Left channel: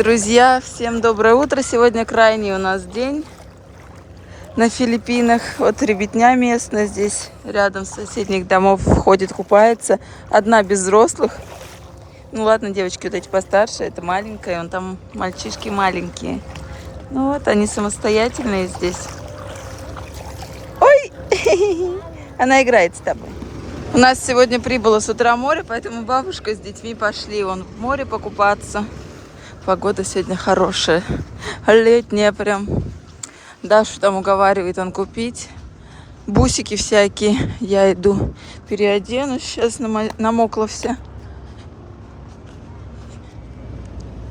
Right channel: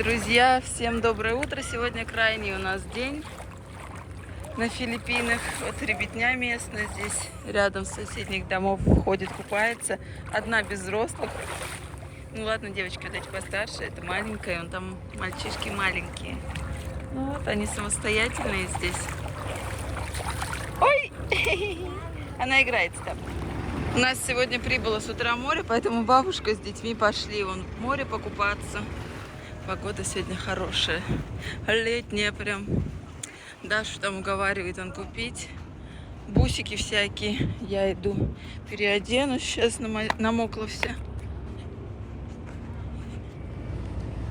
Друзья, всем доброе утро. Сегодня крайний у нас день на Филиппинах. Вот ребятня местная здесь рядом с соседних домов ходит, купается. Одна без взрослых. Ну ладно, девочки вот эти постарше, это маленькая, он там мальчишки маленькие. Ну вот, они самостоятельные здесь. Ой! Она играется там. У нас сегодня прибыло с утра море, поэтому бабушка с детьми пошли вон в море покупаться. Погода сегодня хорошая, летняя прям. Дашу там уговаривает он купить. Бусики всякие. Я иду переоденусь. Сейчас намо- намокла вся.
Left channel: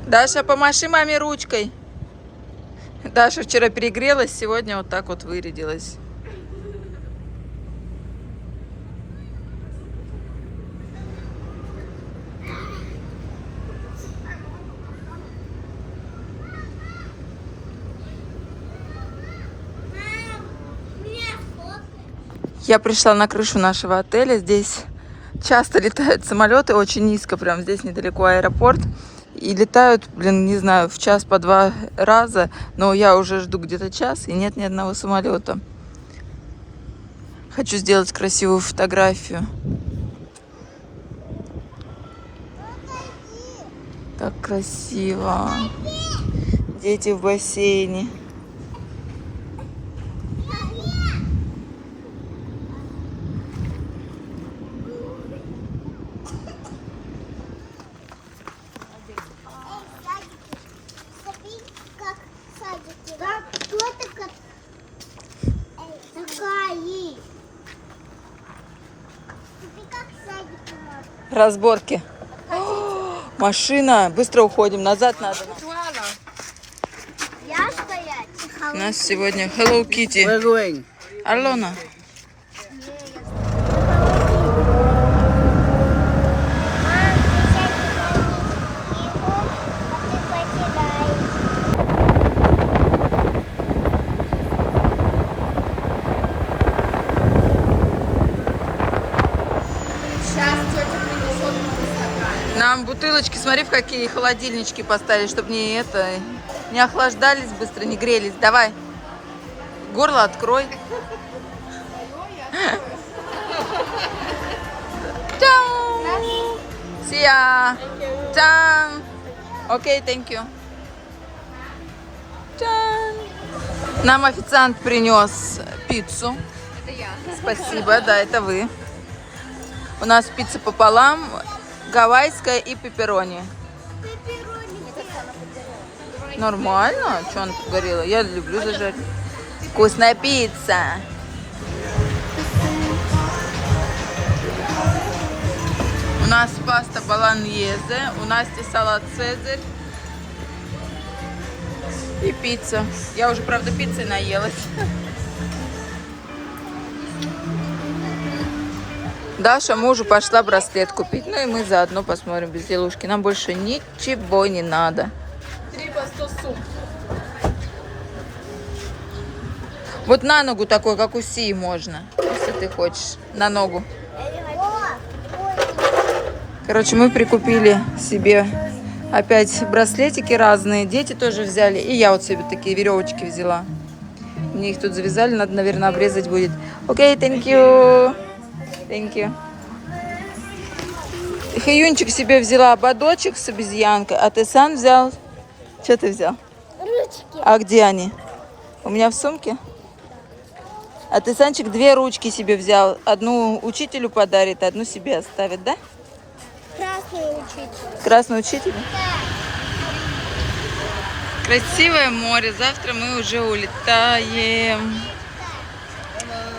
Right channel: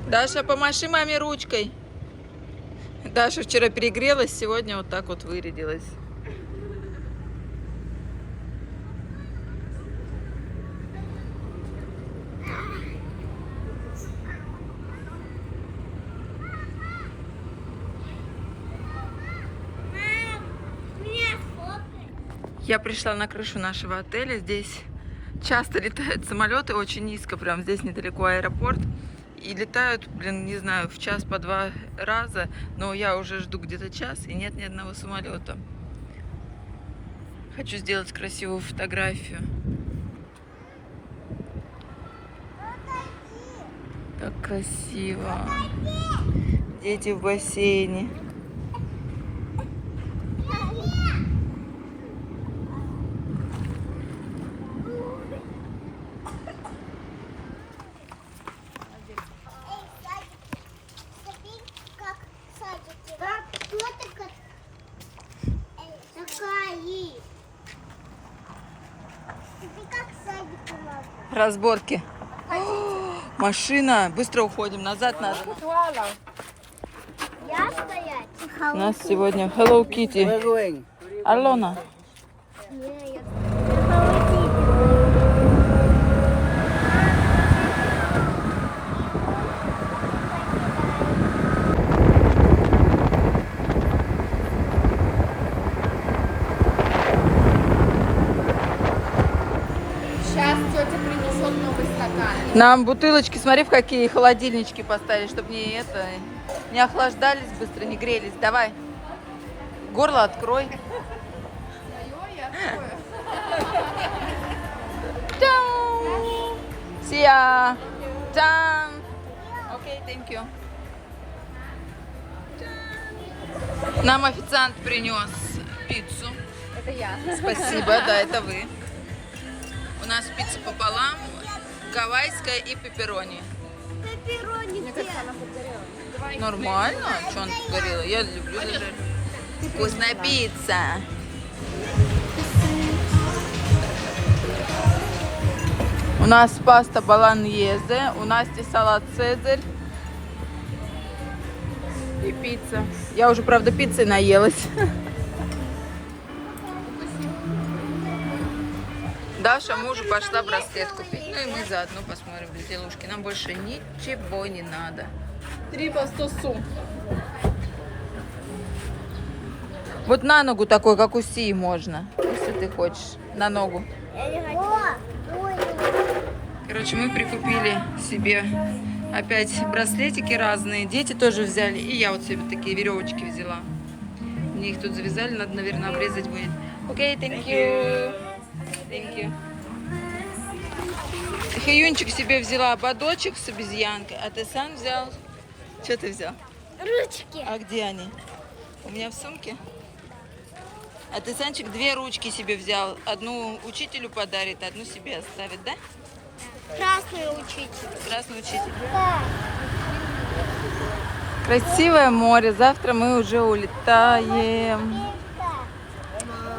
Даша, помаши маме ручкой. Даша вчера перегрелась, сегодня вот так вот вырядилась. Я пришла на крышу нашего отеля. Здесь часто летают самолеты, очень низко, прям здесь недалеко аэропорт. И летают, блин, не знаю, в час по два раза, но я уже жду где-то час, и нет ни одного самолета. Хочу сделать красивую фотографию. Как красиво. Дети в бассейне. Эй, садики, смотри, как садики. Так, кто такая? Эй, такая. Смотри, как садики надо. Разборки. О, машина. Быстро уходим. Назад надо. У нас сегодня Hello Kitty. We're going. Алена. Не, я Нам бутылочки, смотри, в какие холодильнички поставили, чтобы не это, не охлаждались быстро, не грелись. Давай. Горло открой. Чау. Сия. Чан. Окей, thank you. Чан. Нам официант принес пиццу. Это я. Спасибо, да, это вы. У нас пицца пополам, гавайская и пепперони. Пепперони где? Нормально? Что она тут? Я люблю зажарить. Вкусная пицца. У нас паста баланьезе, у Насти салат цезарь и пицца. Я уже, правда, пиццей наелась. Даша мужу пошла браслет купить. Ну и мы заодно посмотрим безделушки. Нам больше ничего не надо. Вот на ногу такой, как у Си можно, если ты хочешь. На ногу. Короче, мы прикупили себе опять браслетики разные. Дети тоже взяли. И я вот себе такие веревочки взяла. Мне их тут завязали, надо, наверное, обрезать будет. Окей, thank you. Thank you. Хаюнчик себе взяла ободочек с обезьянкой, а ты сам взял? Что ты взял? Ручки. А где они? У меня в сумке? А ты, Санчик, две ручки себе взял. Одну учителю подарит, одну себе оставит, да? Красный учитель. Красный учитель. Красивое море. Завтра мы уже улетаем.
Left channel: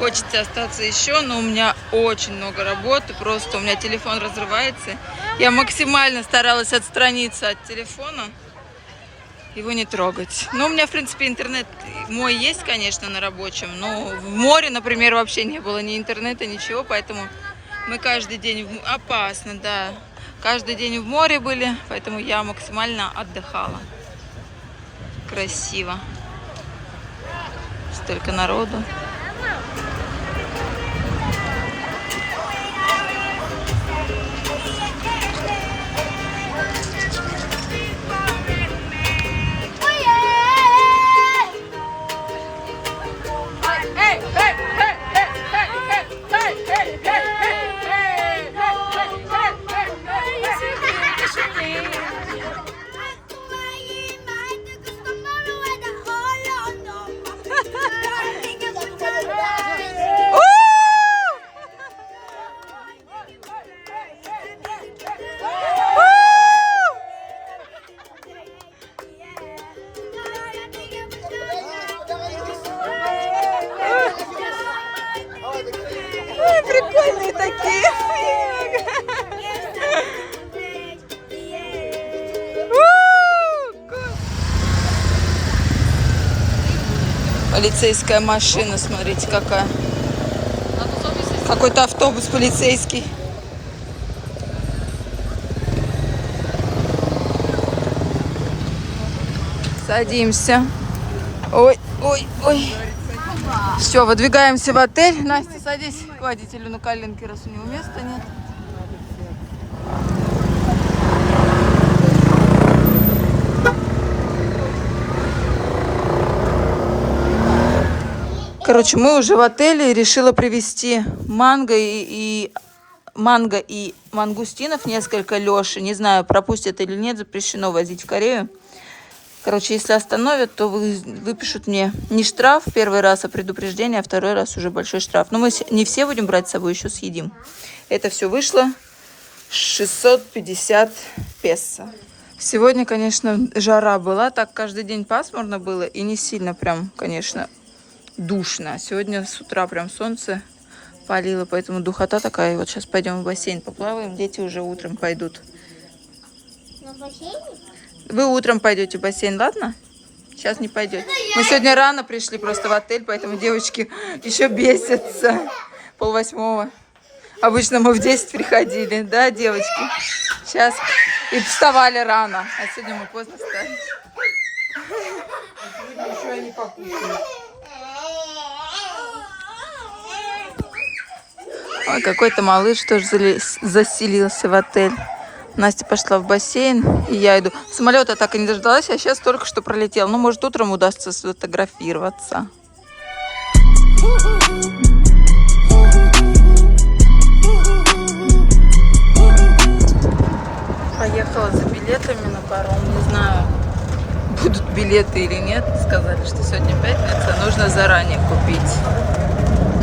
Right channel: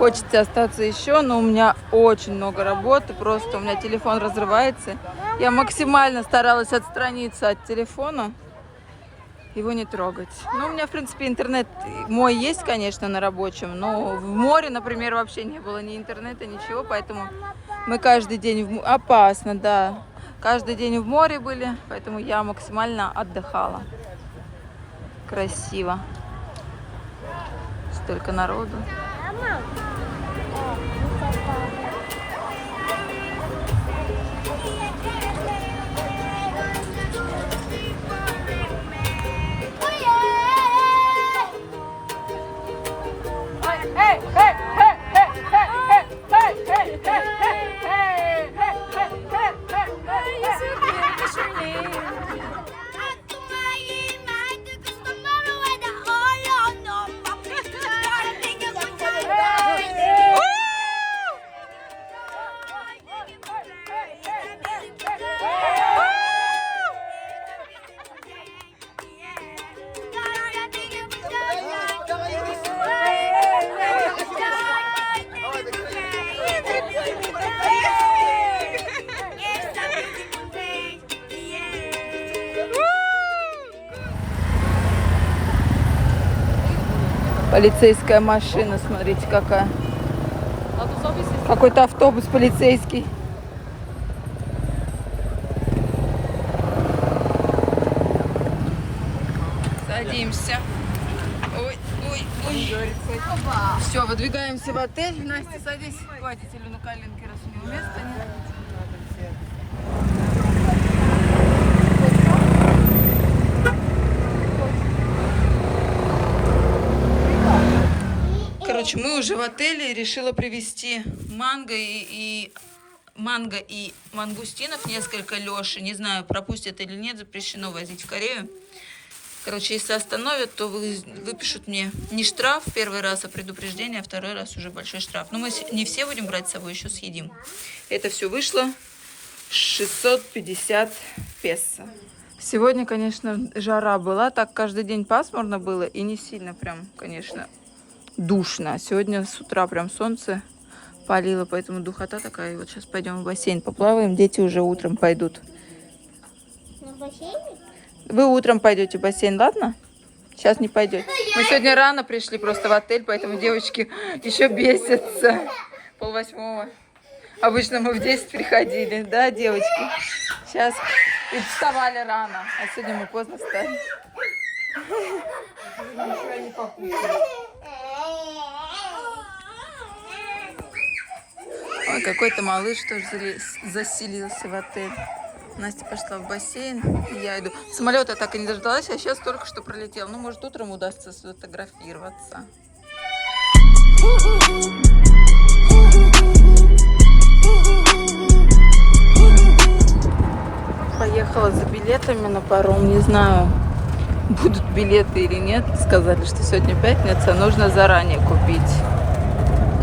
Хочется остаться еще, но у меня очень много работы. Просто у меня телефон разрывается. Я максимально старалась отстраниться от телефона. Его не трогать. Ну, у меня, в принципе, интернет мой есть, конечно, на рабочем. Но в море, например, вообще не было ни интернета, ничего. Поэтому мы каждый день... В... Опасно, да. Каждый день в море были, поэтому я максимально отдыхала. Красиво. Столько народу. Полицейская машина, смотрите, какая. Какой-то автобус полицейский. Садимся. Ой, ой, ой. Все, выдвигаемся в отель. Настя, садись к водителю на коленке, раз у него места нет. Короче, мы уже в отеле решила привезти манго и, и манго и мангустинов несколько Леши. Не знаю, пропустят или нет, запрещено возить в Корею. Короче, если остановят, то вы, выпишут мне не штраф первый раз, а предупреждение, а второй раз уже большой штраф. Но мы не все будем брать с собой, еще съедим. Это все вышло 650 песо. Сегодня, конечно, жара была, так каждый день пасмурно было и не сильно прям, конечно, душно. Сегодня с утра прям солнце палило, поэтому духота такая. Вот сейчас пойдем в бассейн поплаваем, дети уже утром пойдут. На бассейне? Вы утром пойдете в бассейн, ладно? Сейчас не пойдете. Мы сегодня рано пришли просто в отель, поэтому девочки еще бесятся. Пол восьмого. Обычно мы в 10 приходили, да, девочки? Сейчас. И вставали рано. А сегодня мы поздно встали. Ой, какой-то малыш тоже заселился в отель. Настя пошла в бассейн, и я иду. Самолета так и не дождалась, а сейчас только что пролетел. Ну, может, утром удастся сфотографироваться. Поехала за билетами на паром. Не знаю, будут билеты или нет. Сказали, что сегодня пятница, нужно заранее купить.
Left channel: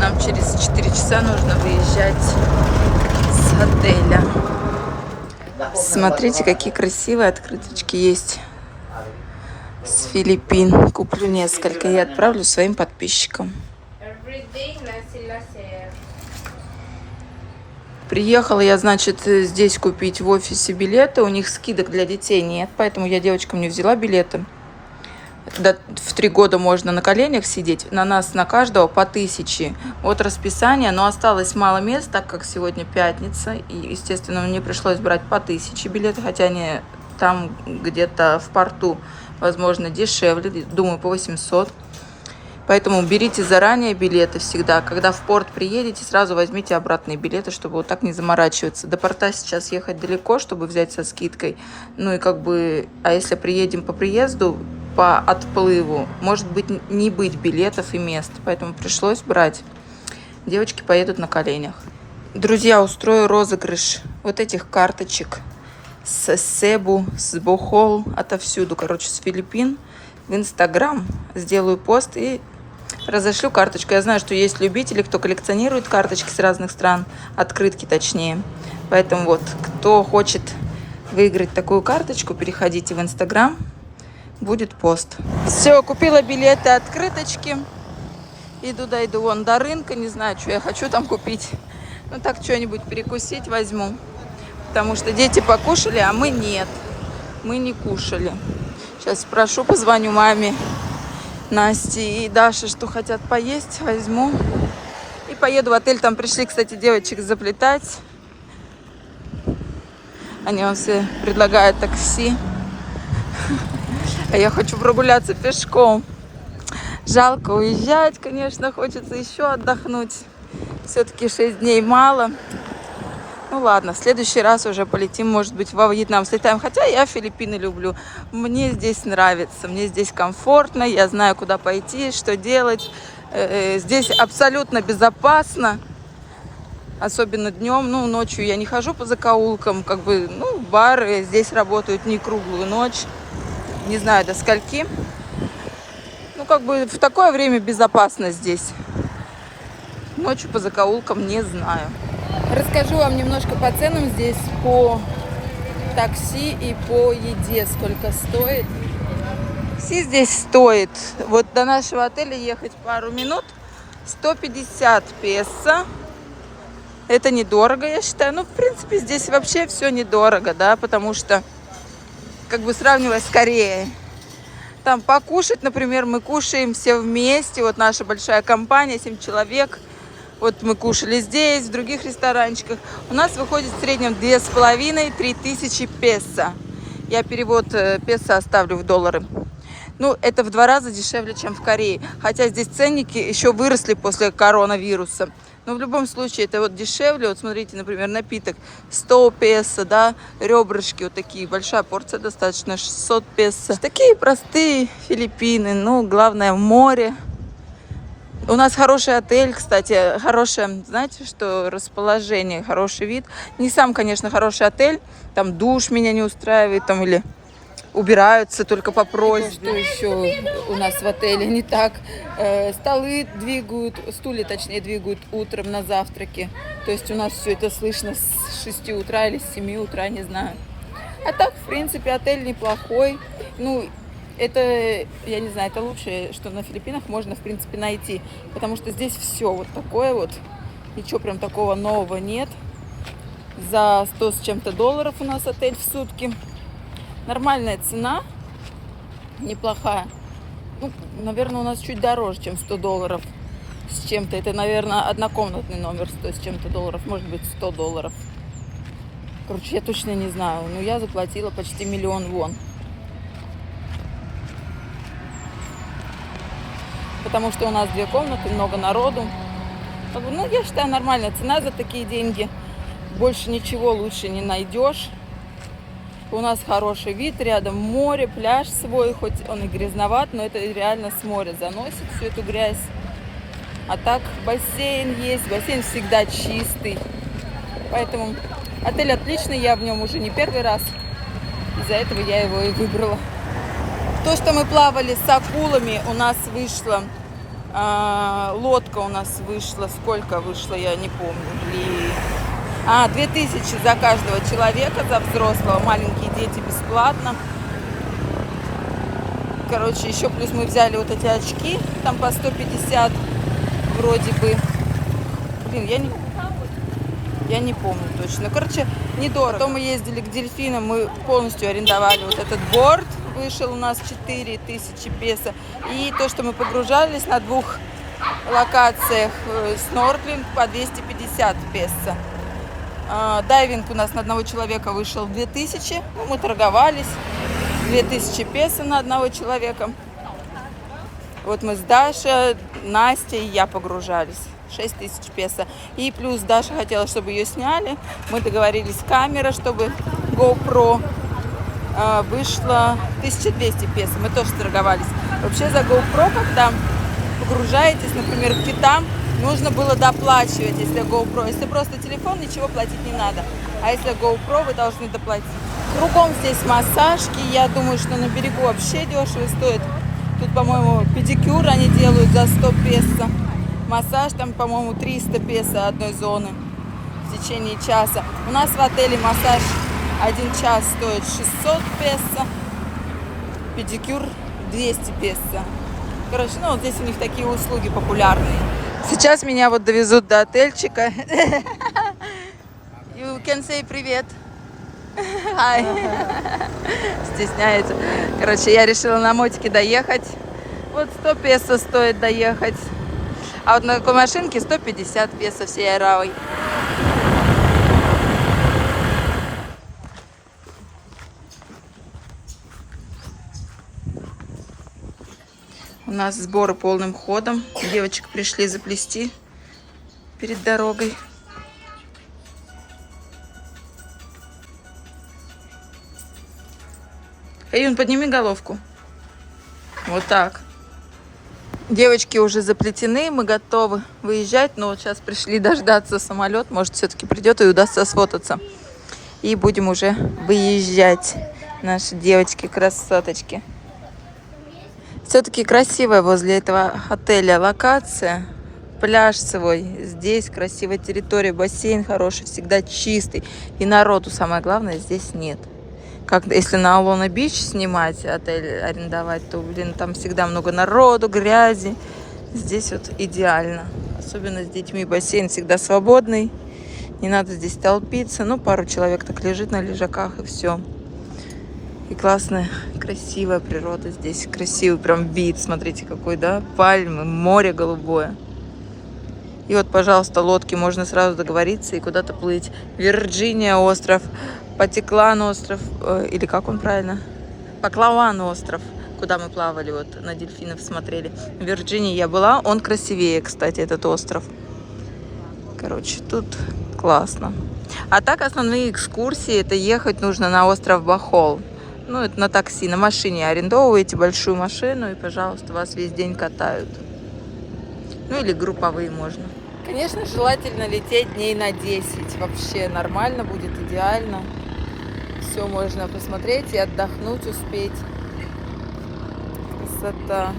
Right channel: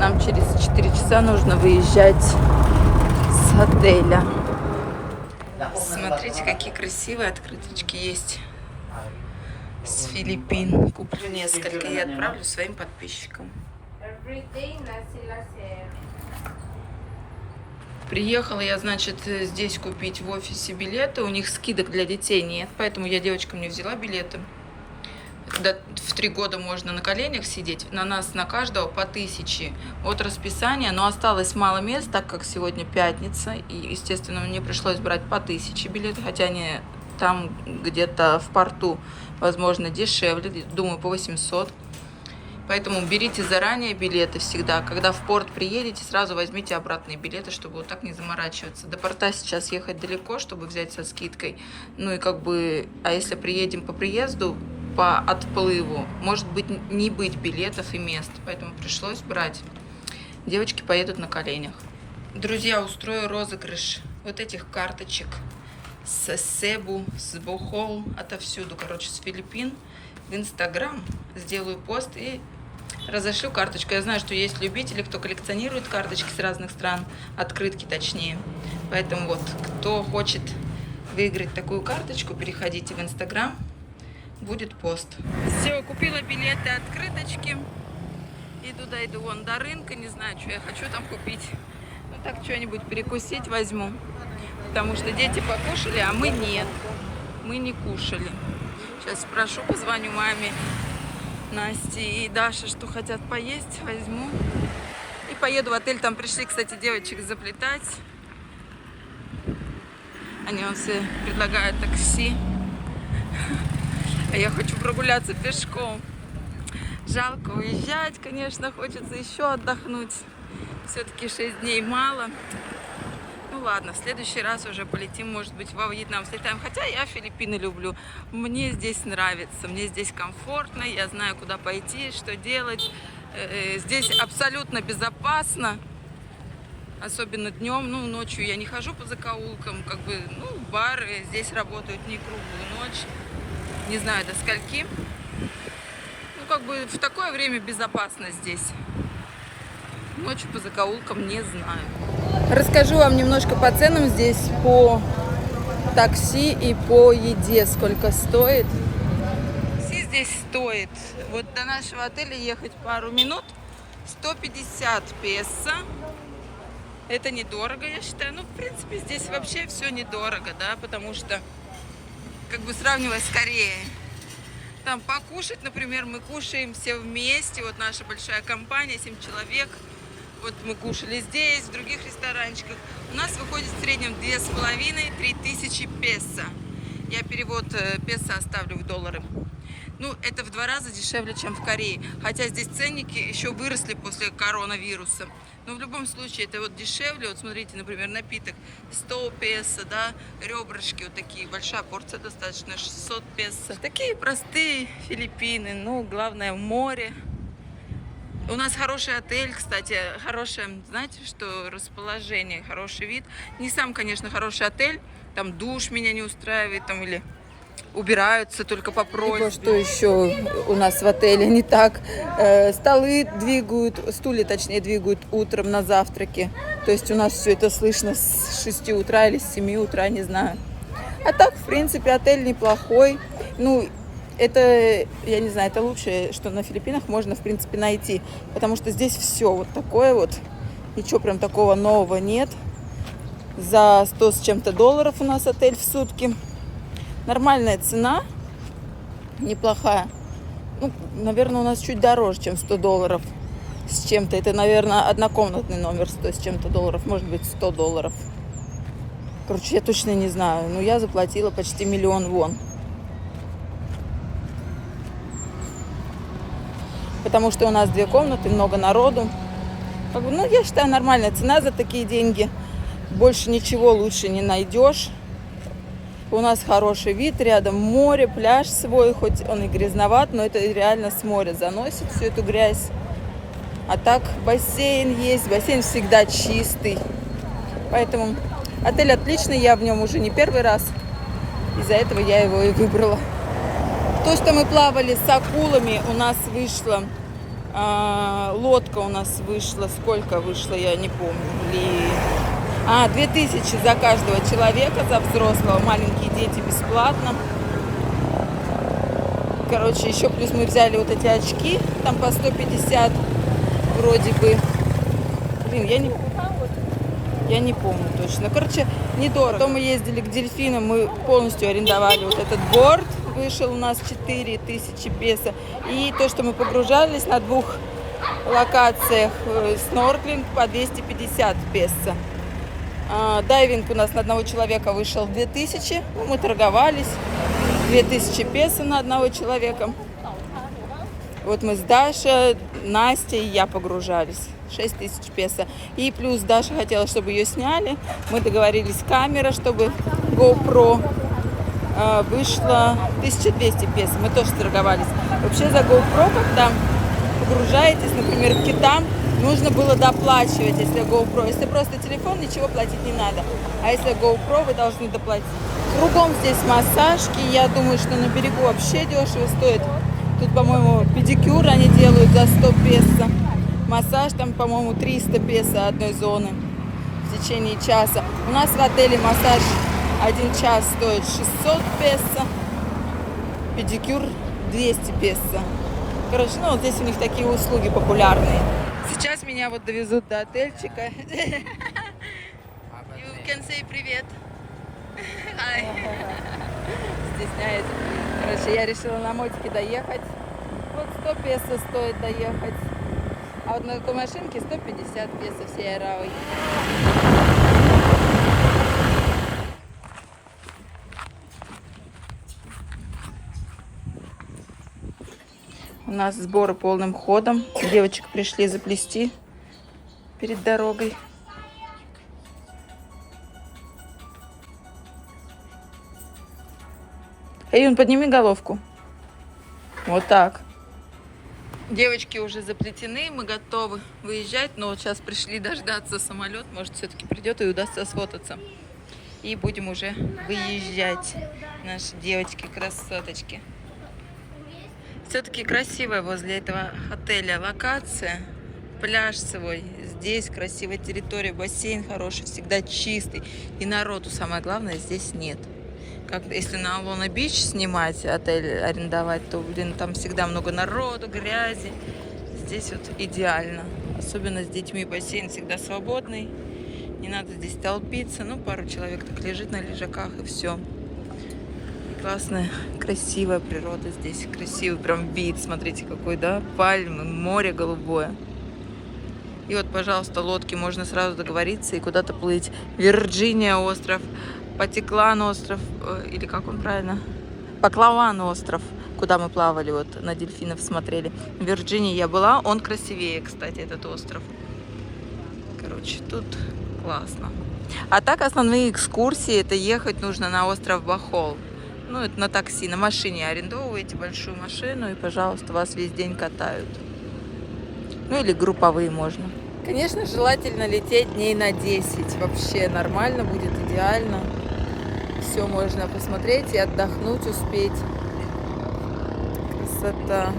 Нам через 4 часа нужно выезжать с отеля. Смотрите, какие красивые открыточки есть с Филиппин. Куплю несколько и отправлю своим подписчикам. Приехала я, значит, здесь купить в офисе билеты. У них скидок для детей нет, поэтому я девочкам не взяла билеты. До- в три года можно на коленях сидеть. На нас, на каждого по тысяче от расписания. Но осталось мало мест, так как сегодня пятница. И, естественно, мне пришлось брать по тысяче билеты, хотя они там где-то в порту, возможно, дешевле. Думаю, по 800. Поэтому берите заранее билеты всегда. Когда в порт приедете, сразу возьмите обратные билеты, чтобы вот так не заморачиваться. До порта сейчас ехать далеко, чтобы взять со скидкой. Ну и как бы, а если приедем по приезду, по отплыву, может быть не быть билетов и мест. Поэтому пришлось брать. Девочки поедут на коленях. Друзья, устрою розыгрыш вот этих карточек с Себу, с Бохол, отовсюду, короче, с Филиппин в Инстаграм. Сделаю пост и разошлю карточку. Я знаю, что есть любители, кто коллекционирует карточки с разных стран, открытки точнее. Поэтому вот, кто хочет выиграть такую карточку, переходите в Инстаграм, будет пост. Все, купила билеты, открыточки. Иду, дойду вон до рынка, не знаю, что я хочу там купить. Ну так что-нибудь перекусить возьму. Потому что дети покушали, а мы нет. Мы не кушали. Сейчас спрошу, позвоню маме, Насте и Даше, что хотят поесть, возьму. И поеду в отель. Там пришли, кстати, девочек заплетать. Они вам все предлагают такси. А я хочу прогуляться пешком. Жалко уезжать, конечно, хочется еще отдохнуть. Все-таки 6 дней мало. Ну ладно, в следующий раз уже полетим, может быть, во Вьетнам слетаем. Хотя я Филиппины люблю. Мне здесь нравится, мне здесь комфортно, я знаю, куда пойти, что делать. Э, э, Здесь абсолютно безопасно. Особенно днем, ну, ночью я не хожу по закоулкам, как бы, ну, бары здесь работают не круглую ночь, не знаю до скольки. Ну, как бы в такое время безопасно здесь. Ночью по закоулкам не знаю. Расскажу вам немножко по ценам здесь, по такси и по еде, сколько стоит. Такси здесь стоит, вот до нашего отеля ехать пару минут, 150 песо. Это недорого, я считаю. Ну, в принципе, здесь вообще все недорого, да, потому что, как бы сравнивая с Кореей, там покушать, например, мы кушаем все вместе, вот наша большая компания, 7 человек, вот мы кушали здесь, в других ресторанчиках. У нас выходит в среднем 2,5-3 тысячи песо. Я перевод э, песо оставлю в доллары. Ну, это в два раза дешевле, чем в Корее. Хотя здесь ценники еще выросли после коронавируса. Но в любом случае это вот дешевле. Вот смотрите, например, напиток 100 песо, да, ребрышки вот такие. Большая порция достаточно 600 песо. Такие простые Филиппины. Ну, главное, море. У нас хороший отель, кстати, хорошее, знаете, что расположение, хороший вид. Не сам, конечно, хороший отель, там душ меня не устраивает, там или убираются только по просьбе. Что еще у нас в отеле не так? Э, столы двигают, стулья, точнее, двигают утром на завтраке. То есть у нас все это слышно с 6 утра или с 7 утра, не знаю. А так, в принципе, отель неплохой. Ну, это, я не знаю, это лучшее, что на Филиппинах можно, в принципе, найти. Потому что здесь все вот такое вот. Ничего прям такого нового нет. За 100 с чем-то долларов у нас отель в сутки. Нормальная цена. Неплохая. Ну, наверное, у нас чуть дороже, чем 100 долларов с чем-то. Это, наверное, однокомнатный номер 100 с чем-то долларов. Может быть, 100 долларов. Короче, я точно не знаю. Но я заплатила почти миллион вон. потому что у нас две комнаты, много народу. Как бы, ну, я считаю, нормальная цена за такие деньги. Больше ничего лучше не найдешь. У нас хороший вид, рядом море, пляж свой, хоть он и грязноват, но это реально с моря заносит всю эту грязь. А так бассейн есть, бассейн всегда чистый. Поэтому отель отличный, я в нем уже не первый раз. Из-за этого я его и выбрала. То, что мы плавали с акулами, у нас вышло, а, лодка у нас вышла, сколько вышло, я не помню, блин. А, 2000 за каждого человека, за взрослого, маленькие дети бесплатно. Короче, еще плюс мы взяли вот эти очки, там по 150 вроде бы. Блин, я не, я не помню точно. Короче, недорого. Потом мы ездили к дельфинам, мы полностью арендовали вот этот борт. Вышел у нас 4000 песо. И то, что мы погружались на двух локациях, э, снорклинг по 250 песо. А, Дайвинг у нас на одного человека вышел 2000. Ну, мы торговались. 2000 песо на одного человека. Вот мы с Дашей, Настей и я погружались. 6 тысяч песо. И плюс Даша хотела, чтобы ее сняли. Мы договорились камера, чтобы GoPro э, вышло 1200 песо. Мы тоже торговались. Вообще за GoPro, когда погружаетесь, например, к китам, нужно было доплачивать, если GoPro. Если просто телефон, ничего платить не надо. А если GoPro, вы должны доплатить. Кругом здесь массажки. Я думаю, что на берегу вообще дешево стоит. Тут, по-моему, педикюр они делают за 100 песо. Массаж там, по-моему, 300 песо одной зоны в течение часа. У нас в отеле массаж один час стоит 600 песо. Педикюр 200 песо. Короче, ну вот здесь у них такие услуги популярные. Сейчас меня вот довезут до отельчика. You can say привет. Hi. Стесняется. Короче, я решила на мотике доехать. Вот 100 песо стоит доехать. А вот на такой машинке 150 песо всей Аравой. У нас сборы полным ходом. Девочек пришли заплести перед дорогой. Аюн, подними головку. Вот так. Девочки уже заплетены, мы готовы выезжать, но вот сейчас пришли дождаться самолет, может все-таки придет и удастся сфотаться. И будем уже выезжать, наши девочки-красоточки. Все-таки красивая возле этого отеля локация. Пляж свой. Здесь красивая территория, бассейн хороший, всегда чистый. И народу, самое главное, здесь нет. Как если на Алона Бич снимать, отель арендовать, то, блин, там всегда много народу, грязи. Здесь вот идеально. Особенно с детьми бассейн всегда свободный. Не надо здесь толпиться. Ну, пару человек так лежит на лежаках и все. И классная, красивая природа здесь. Красивый прям вид. Смотрите, какой, да? Пальмы, море голубое. И вот, пожалуйста, лодки можно сразу договориться и куда-то плыть. Вирджиния остров, Патиклан остров, э, или как он правильно? Паклаван остров, куда мы плавали, вот на дельфинов смотрели. В Вирджинии я была, он красивее, кстати, этот остров. Короче, тут классно. А так основные экскурсии, это ехать нужно на остров Бахол. Ну, это на такси, на машине арендовываете большую машину и, пожалуйста, вас весь день катают. Ну, или групповые можно. Конечно, желательно лететь дней на 10. Вообще нормально будет, идеально. Все можно посмотреть и отдохнуть успеть. Красота.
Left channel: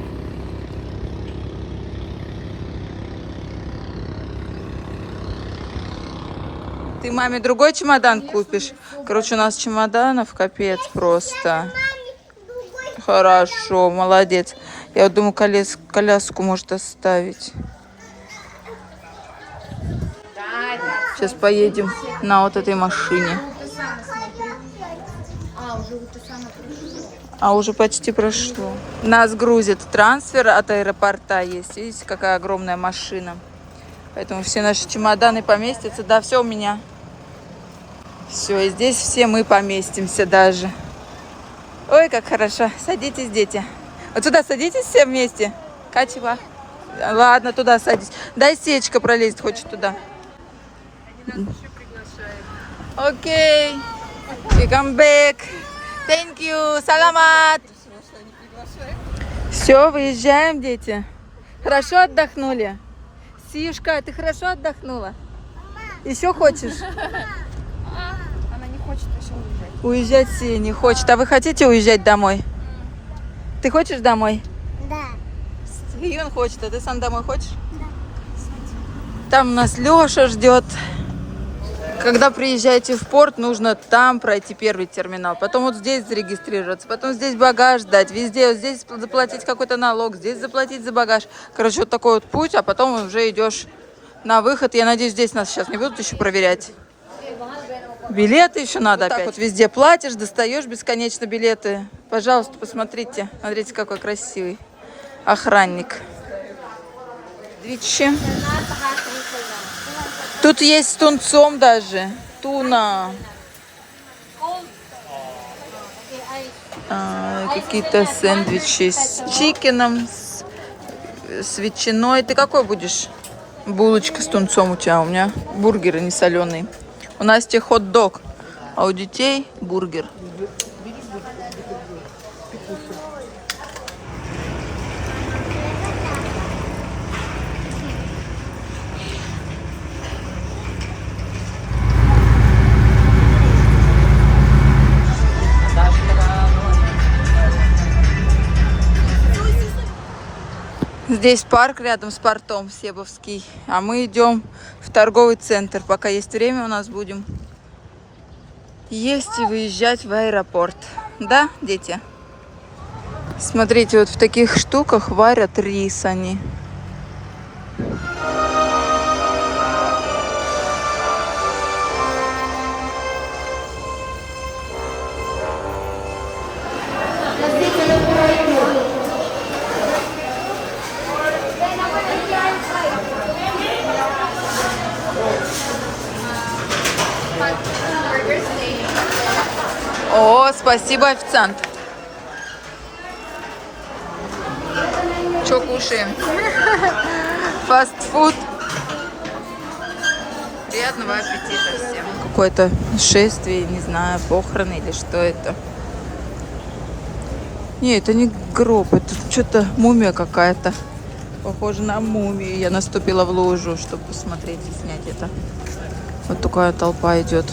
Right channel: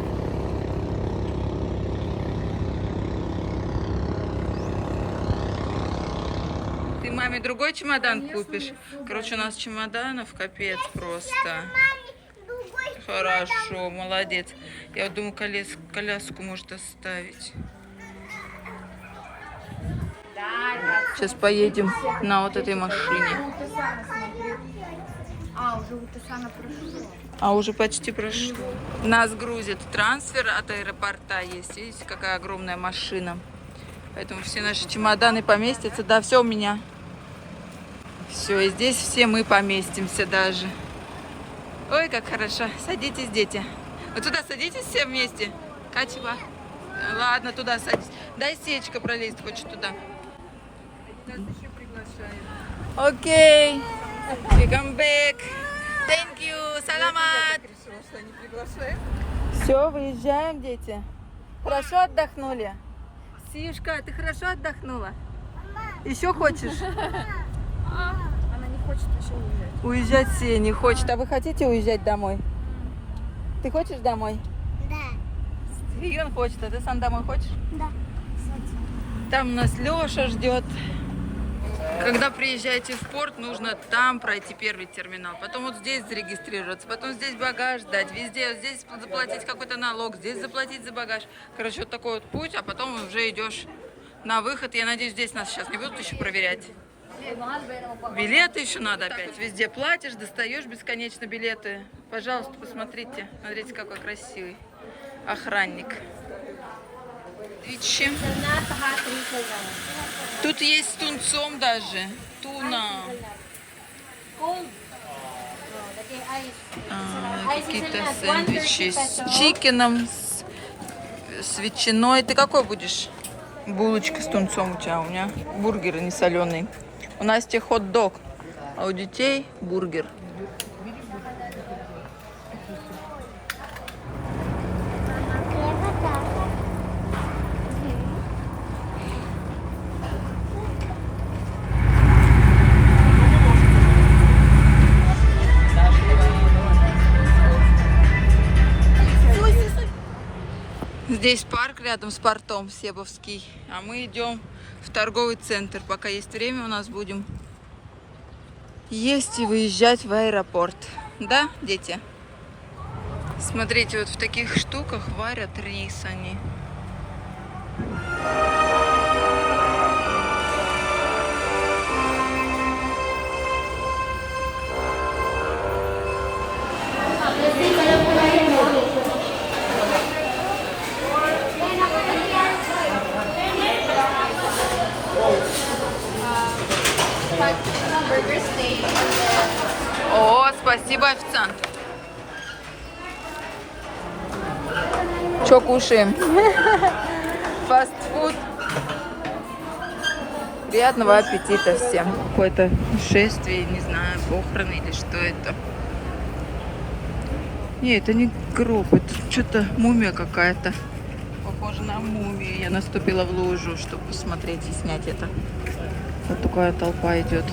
Ты маме другой чемодан купишь? Короче, у нас чемоданов капец просто. Хорошо, молодец. Я думаю, колес, коляску может оставить. Сейчас поедем на вот этой машине. А уже почти прошло. Нас грузит трансфер от аэропорта есть. Видите, какая огромная машина. Поэтому все наши чемоданы поместятся. Да, все у меня. Все, и здесь все мы поместимся даже. Ой, как хорошо. Садитесь, дети. Вот сюда садитесь все вместе. Качева. Ладно, туда садись. Дай сечка пролезть хочет туда. Окей. We come back. Thank you. Саламат. Все, выезжаем, дети. Хорошо отдохнули? Сишка, ты хорошо отдохнула? Еще хочешь? Хочет еще уезжать. Уезжать Сия не хочет. А вы хотите уезжать домой? Ты хочешь домой? Да. И он хочет, а ты сам домой хочешь? Да. Там нас Леша ждет. Когда приезжаете в порт, нужно там пройти первый терминал, потом вот здесь зарегистрироваться, потом здесь багаж дать, везде, вот здесь заплатить какой-то налог, здесь заплатить за багаж. Короче, вот такой вот путь, а потом уже идешь на выход. Я надеюсь, здесь нас сейчас не будут еще проверять. Билеты еще надо вот опять. вот везде платишь, достаешь бесконечно билеты. Пожалуйста, посмотрите. Смотрите, какой красивый охранник. Двичи. Тут есть с тунцом даже. Туна. А, Какие-то сэндвичи с чикеном, с, с ветчиной. Ты какой будешь? Булочка с тунцом у тебя, у меня бургеры не соленый. У Насти хот-дог, а у детей бургер. Здесь парк рядом с портом Себовский, а мы идем в торговый центр. Пока есть время, у нас будем есть и выезжать в аэропорт. Да, дети? Смотрите, вот в таких штуках варят рис они. Спасибо, официант. Че кушаем? Фастфуд. Приятного аппетита всем. Какое-то шествие, не знаю, похороны или что это. Не, это не гроб, это что-то мумия какая-то. Похоже на мумию. Я наступила в лужу, чтобы посмотреть и снять это. Вот такая толпа идет.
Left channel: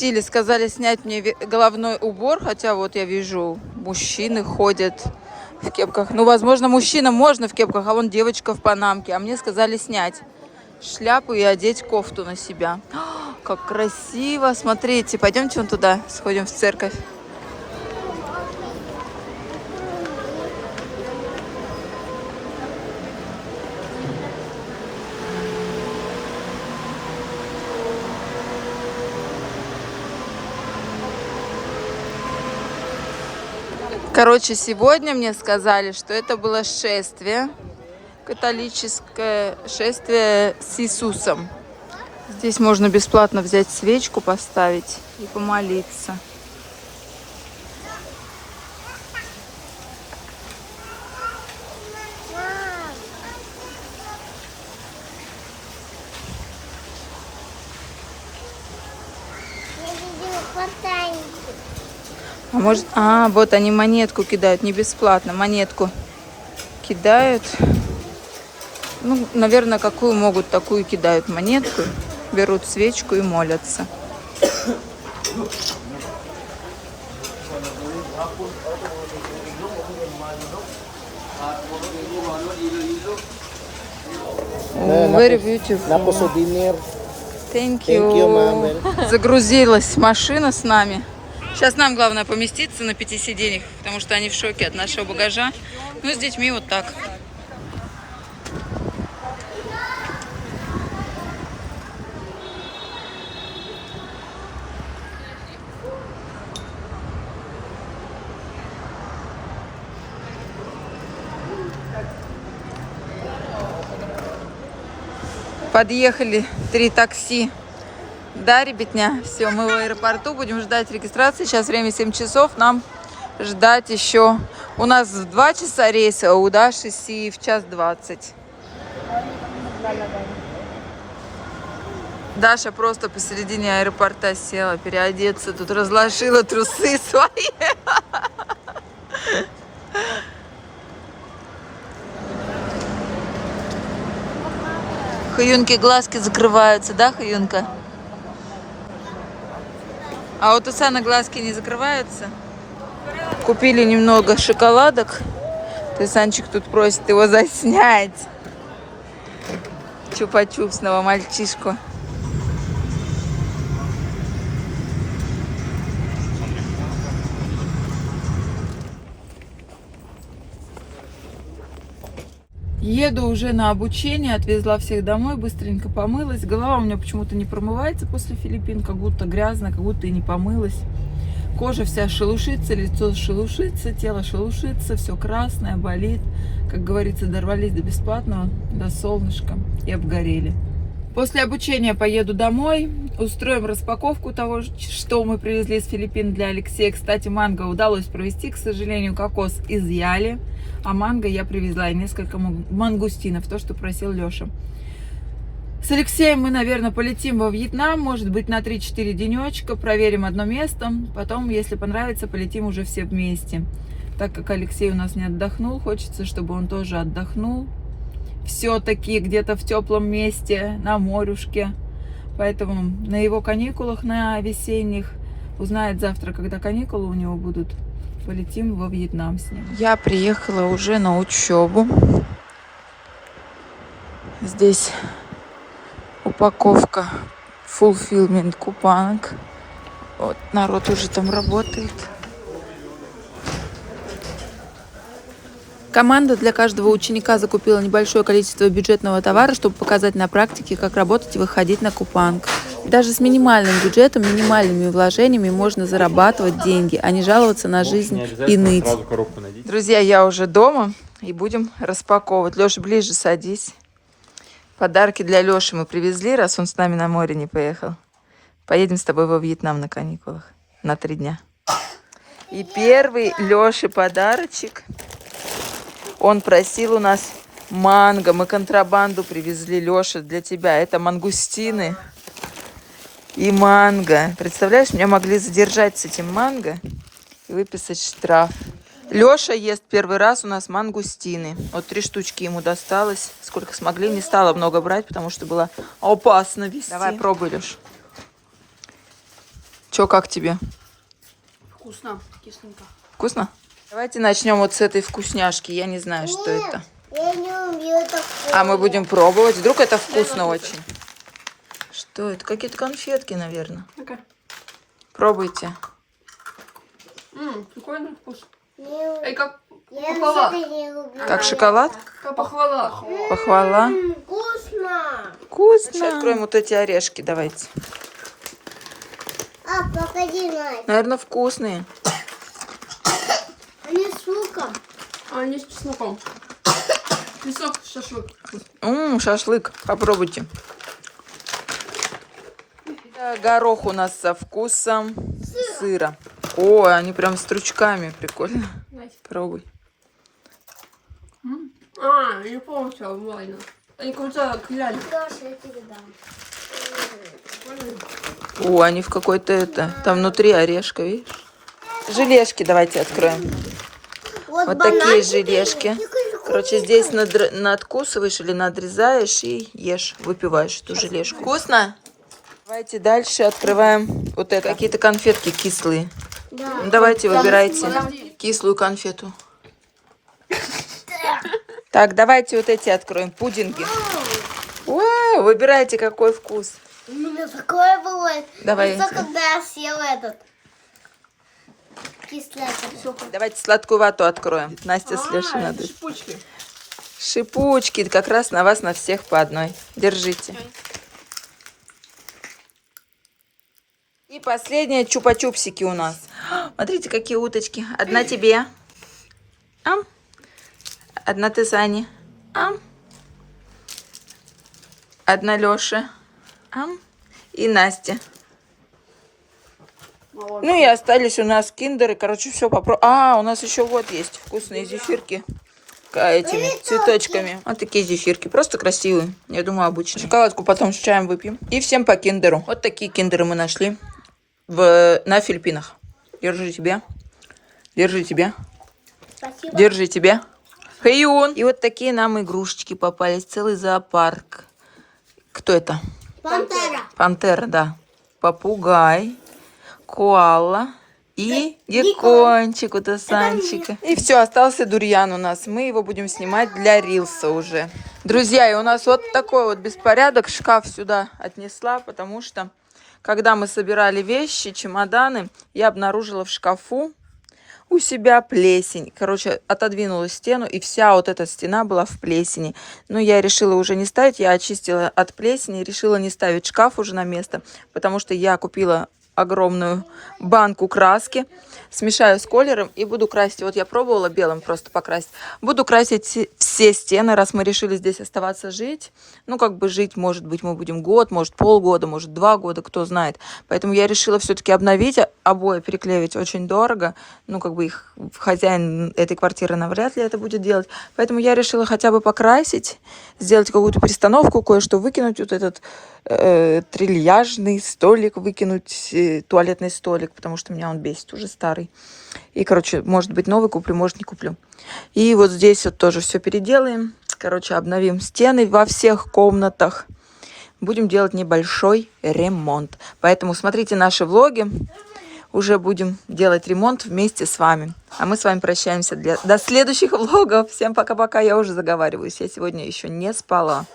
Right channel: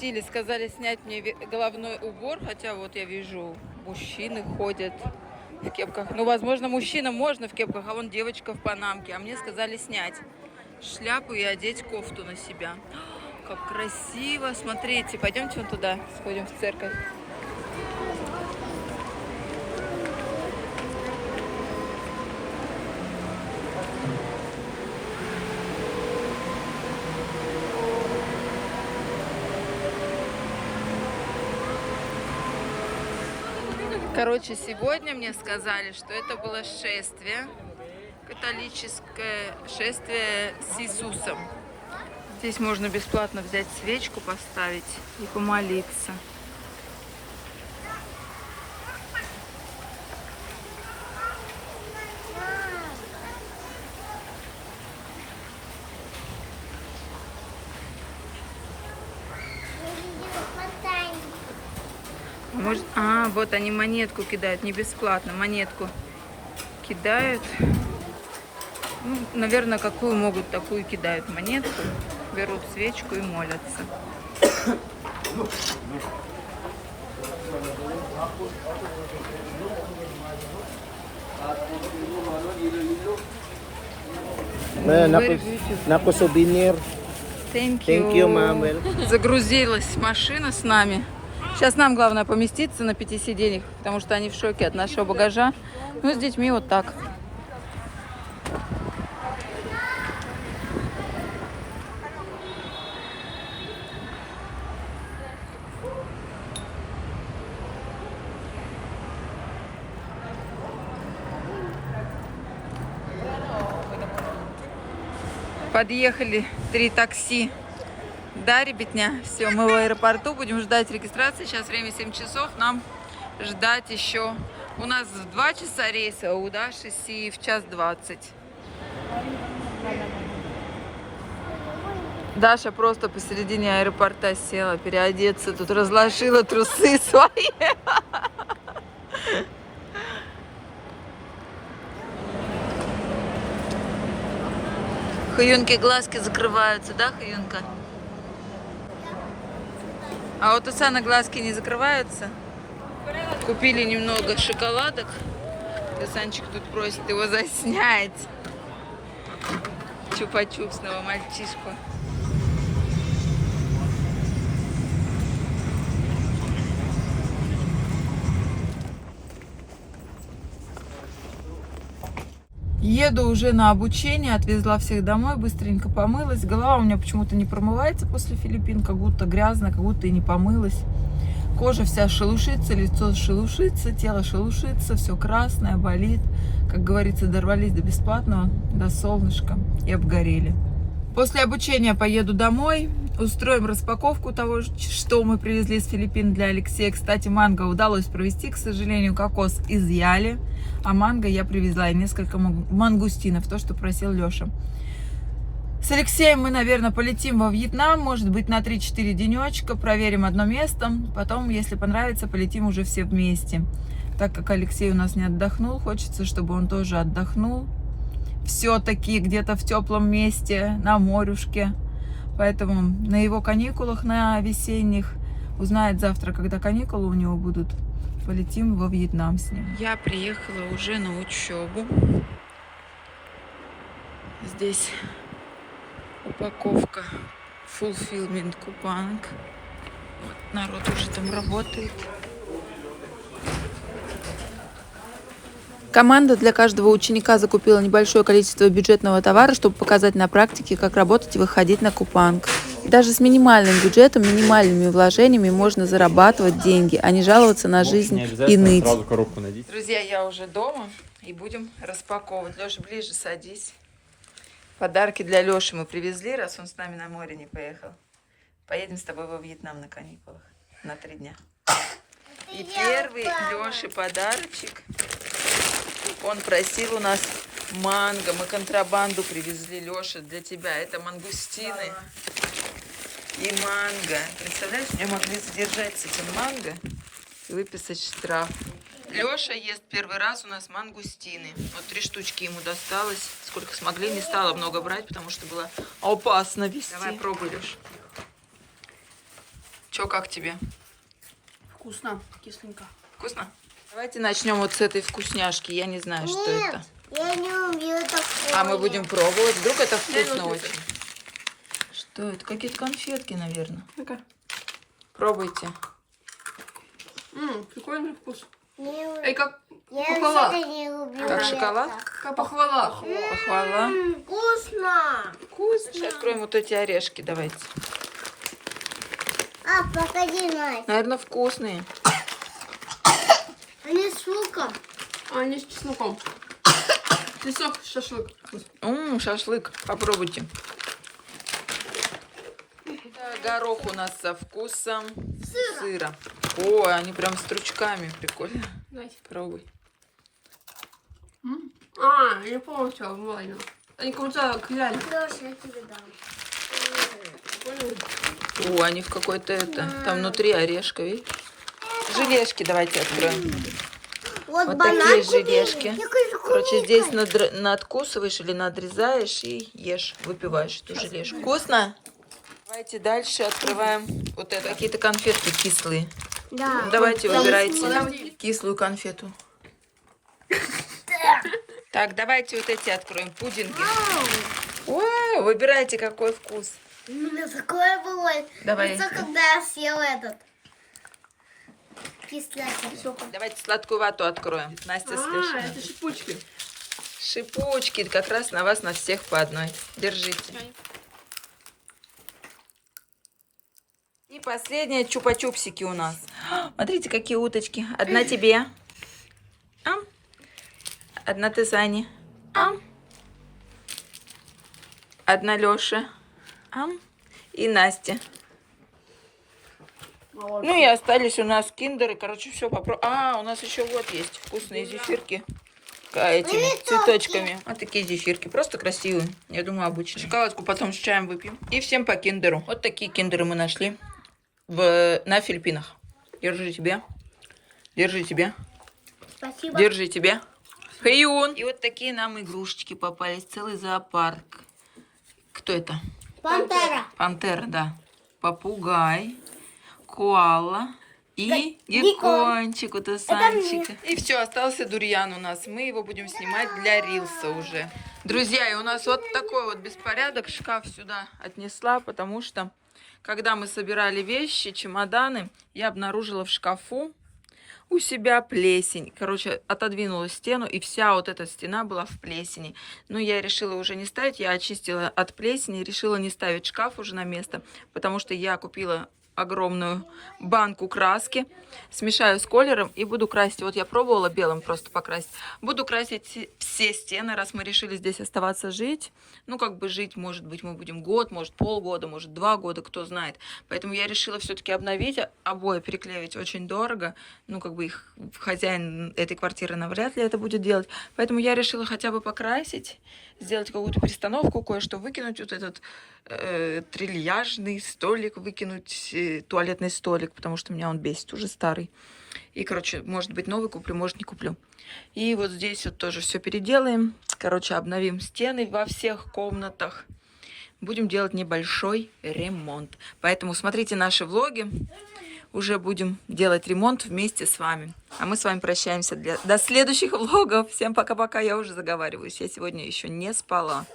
Пропустили, сказали снять мне головной убор, хотя вот я вижу, мужчины ходят в кепках. Ну, возможно, мужчинам можно в кепках, а вон девочка в панамке. А мне сказали снять шляпу и одеть кофту на себя. А, Как красиво! Смотрите, пойдемте вон туда, сходим в церковь. Короче, сегодня мне сказали, что это было шествие, католическое шествие с Иисусом. Здесь можно бесплатно взять свечку, поставить и помолиться. Может, а, вот они монетку кидают, не бесплатно, монетку кидают. Ну, наверное, какую могут, такую кидают монетку, берут свечку и молятся. Very beautiful. Naku souvenir. Thank Thank you. Загрузилась машина с нами. Сейчас нам главное поместиться на пяти сиденьях, потому что они в шоке от нашего багажа. Ну, с детьми вот так. Подъехали три такси. Да, ребятня, все, мы в аэропорту, будем ждать регистрации. Сейчас время 7 часов, нам ждать еще. У нас в 2 часа рейс, а у Даши Си в час 20. Даша просто посередине аэропорта села переодеться, тут разложила трусы свои. Хаюнки глазки закрываются, да, Хаюнка? А вот у Сана глазки не закрываются. Купили немного шоколадок. Ты, Санчик, тут просит его заснять. Чупа-чупсного мальчишку. Еду уже на обучение, отвезла всех домой, быстренько помылась. Голова у меня почему-то не промывается после Филиппин, как будто грязно, как будто и не помылась. Кожа вся шелушится, лицо шелушится, тело шелушится, все красное, болит. Как говорится, дорвались до бесплатного, до солнышка и обгорели. После обучения поеду домой, устроим распаковку того, что мы привезли из Филиппин для Алексея. Кстати, манго удалось провести, к сожалению, кокос изъяли, а манго я привезла и несколько ман- мангустинов, то, что просил Леша. С Алексеем мы, наверное, полетим во Вьетнам, может быть, на 3-4 денечка, проверим одно место, потом, если понравится, полетим уже все вместе. Так как Алексей у нас не отдохнул, хочется, чтобы он тоже отдохнул. Все-таки где-то в теплом месте, на морюшке. Поэтому на его каникулах, на весенних, узнает завтра, когда каникулы у него будут, полетим во Вьетнам с ним. Я приехала уже на учебу. Здесь упаковка fulfillment купанок. Вот народ уже там работает. Команда для каждого ученика закупила небольшое количество бюджетного товара, чтобы показать на практике, как работать и выходить на купанг. Даже с минимальным бюджетом, минимальными вложениями можно зарабатывать деньги, а не жаловаться на жизнь и ныть. Друзья, я уже дома и будем распаковывать. Леша, ближе садись. Подарки для Леши мы привезли, раз он с нами на море не поехал. Поедем с тобой во Вьетнам на каникулах на три дня. И первый Леше подарочек. Он просил у нас манго. Мы контрабанду привезли, Леша, для тебя. Это мангустины и манго. Представляешь, меня могли задержать с этим манго и выписать штраф. Леша ест первый раз у нас мангустины. Вот три штучки ему досталось. Сколько смогли, не стала много брать, потому что было опасно вести. Давай пробуй, Леш. Чё, как тебе? Вкусно, кисленько. Вкусно? Давайте начнем вот с этой вкусняшки. Я не знаю, что это. Я не умею такое. А мы будем пробовать. Вдруг это вкусно очень. Что это? Какие-то конфетки, наверное. Ну-ка. Пробуйте. Ммм, прикольный вкус. Не Эй, как Я похвала. вообще не люблю. Как шоколад? Как похвала. Похвала. М, Вкусно. Вкусно. Откроем вот эти орешки, давайте. А, погоди, Настя. Наверное, вкусные. Они с луком. А, они с чесноком. Чеснок, шашлык. Ммм, шашлык. Попробуйте. Это горох у нас со вкусом сыра. О, они прям с стручками. Прикольно. Найс. Пробуй. М? А, я не помню, что ладно. Они как будто кляли. Леша, я тебе дам. Прикольно. О, они в какой-то это. Там внутри орешка, видишь? Желешки давайте откроем. Вот такие желешки. Короче, здесь надр- надкусываешь или надрезаешь и ешь, выпиваешь эту желешку. Вкусно? Давайте дальше открываем вот это. Какие-то конфетки кислые. Да. Давайте, выбирайте кислую конфету. Так, давайте вот эти откроем. Пудинги. Вау, выбирайте, какой вкус. У меня такое бывает. Давай. Когда я съел этот. Кислятину. Давайте сладкую вату откроем. Настя с А, Лешей это надо. шипучки. Шипучки, как раз на вас, на всех по одной. Держите. И последнее чупа-чупсики у нас. Смотрите, какие уточки. Одна тебе. Ам. Одна ты, Сане. Ам. Одна Лёше. Ам. И Настя. Ну и остались у нас киндеры. Короче, все попробуем. А, у нас еще вот есть вкусные зефирки. Этими цветочками. Вот такие зефирки. Просто красивые. Я думаю, обычные. Шоколадку потом с чаем выпьем. И всем по киндеру. Вот такие киндеры мы нашли в, на Филиппинах. Держи тебе. Держи тебе. Спасибо. Держи тебе. Хэйюн. И вот такие нам игрушечки попались. Целый зоопарк. Кто это? Пантера. Пантера, да. Попугай, коала и геккончик у Тасанчика. И все, остался дурьян у нас. Мы его будем снимать для рилса уже. Друзья, и у нас вот такой вот беспорядок. Шкаф сюда отнесла, потому что когда мы собирали вещи, чемоданы, я обнаружила в шкафу у себя плесень. Короче, отодвинула стену, и вся вот эта стена была в плесени. Но я решила уже не ставить, я очистила от плесени, решила не ставить шкаф уже на место, потому что я купила огромную банку краски, смешаю с колером и буду красить. Вот я пробовала белым просто покрасить. Буду красить все- стены, раз мы решили здесь оставаться жить. Ну, как бы жить, может быть, мы будем год, может, полгода, может, два года, кто знает. Поэтому я решила все-таки обновить, а- обои переклеивать очень дорого. Ну, как бы их хозяин этой квартиры навряд ли это будет делать. Поэтому я решила хотя бы покрасить, сделать какую-то перестановку, кое-что выкинуть, вот этот э, трильяжный столик выкинуть, э, туалетный столик, потому что меня он бесит, уже старый. И, короче, может быть, новый куплю, может, не куплю. И вот здесь вот тоже все переделаем. Короче, обновим стены во всех комнатах. Будем делать небольшой ремонт. Поэтому смотрите наши влоги. Уже будем делать ремонт вместе с вами. А мы с вами прощаемся для... до следующих влогов. Всем пока-пока. Я уже заговариваюсь. Я сегодня еще не спала.